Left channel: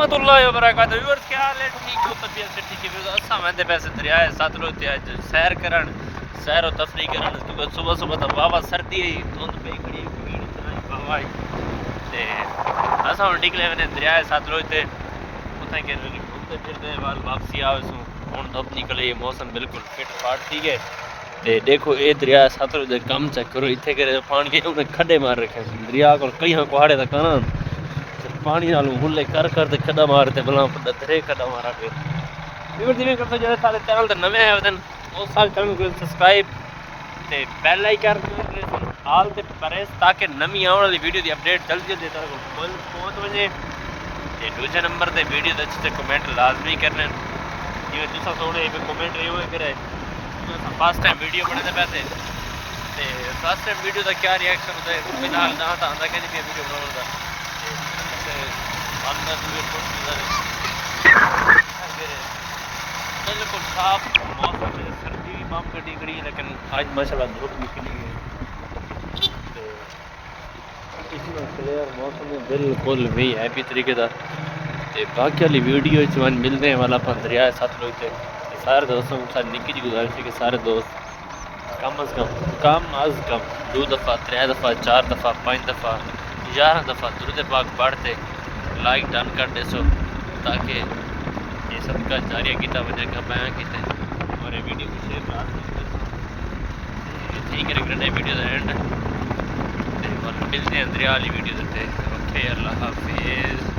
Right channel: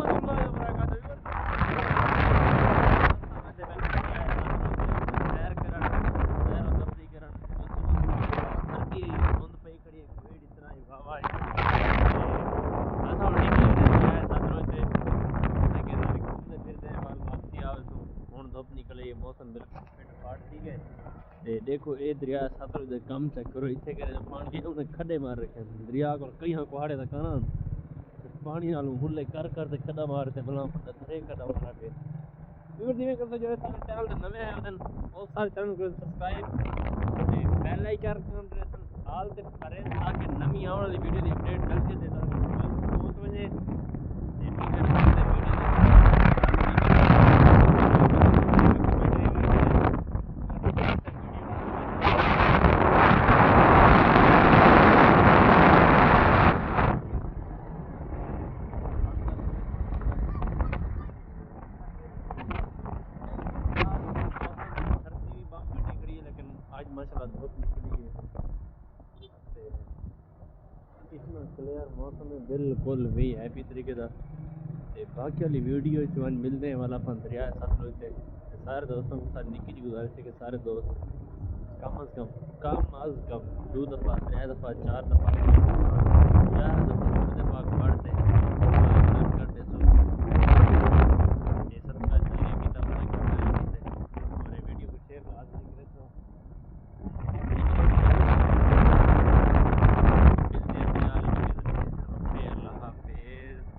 रहमतुल्लाहि व बरकातहू। व्यूअर्स क्या हाल है? ठीक हो? तबीयत से ठीक है? असां वेंदे पैसे दरिया सतलुज ते अज सैर करण, सैर व तफरी करण, क्योंकि सुबह सुबह तो वावा सर्दी आई, धुंध पई खड़ी भीड़ इतना वावा आई ते असां हुण निकले वने दरिया सतलुज ते उथे के घूमते फिरते वाल वापसी आवेसूं। हुण धुप निकली, मौसम बिल्कुल फिट फाट थी गए ते देखो ये दरिया सतलुज दे कम चेक करो। इत्थे करे पानी उन्हें खड्डे मार रखे दरिया को कई कुहाड़े तक ना पानी नालों हुले कर ते खड्डा मारते भला बड़ा दरे खड्डा मारा पे इवर जिवें करते जो सारे चैनल ते नवे आए वदन वो सारे चैनल को सब्सक्राइब ते बेल आइकन हाल ते प्रेस ताकि नवी आने वाली वीडियो दी अपडेट जल्दी देता रहो पहुंच वजे। ते दूसरे नंबर ते वीडियो दे अच्छे कमेंट लाजमी करना ये तुसा थोड़े पे कमेंट यो करे फर्स्ट टाइम वीडियो बनाते पैसे फर्स्ट टाइम वीडियो का क्या रिएक्शन है नाल ना होता है कि बिल्कुल साफ मौसम है। सर्दी भी माम कटी खड़ी है लेकिन आज माशाल्लाह धूप निकली है तो इतना क्लियर मौसम है बिल्कुल भी हैप्पी तरीके का। ते बाकी वाली वीडियो च मिलने वाला अपन दरिया सतलुज ते सारे दोस्तों के साथ निक्की जी गुजारिश है कि सारे दोस्त कम अज़ कम 2 दफ़ा 3 दफ़ा 4 दफ़ा 5 दफ़ा 11 दफ़ा दुरूद पाक पढ़ते लाइक डन कर दे सो ताकि ये सदका जारिया किया वजह बयां किते और ये वीडियो को शेयर लाजमी कर सो ठीक है रखने वीडियो दा एंड मिलते हैं दरिया वाली वीडियो देते ओके अल्लाह हाफिज़।